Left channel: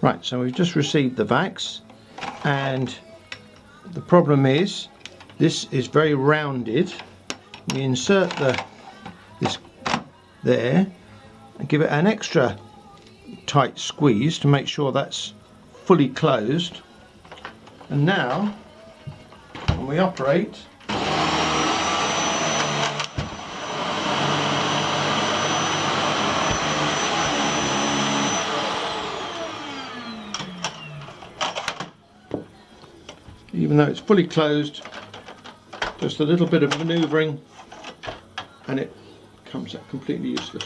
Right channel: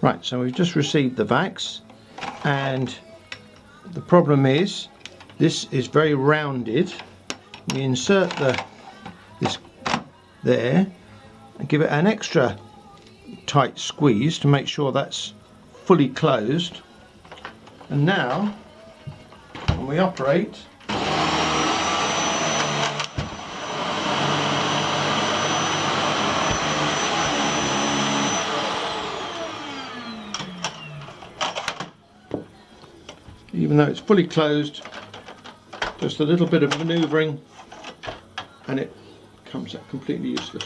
Right, so we've just received the vacs, and the problem is this is very rounded. We insert this there and give it an extra tight squeeze to make sure that's fully closed. And now when we operate, even though it's fully closed, just a little bit of manoeuvring and it comes out completely useless.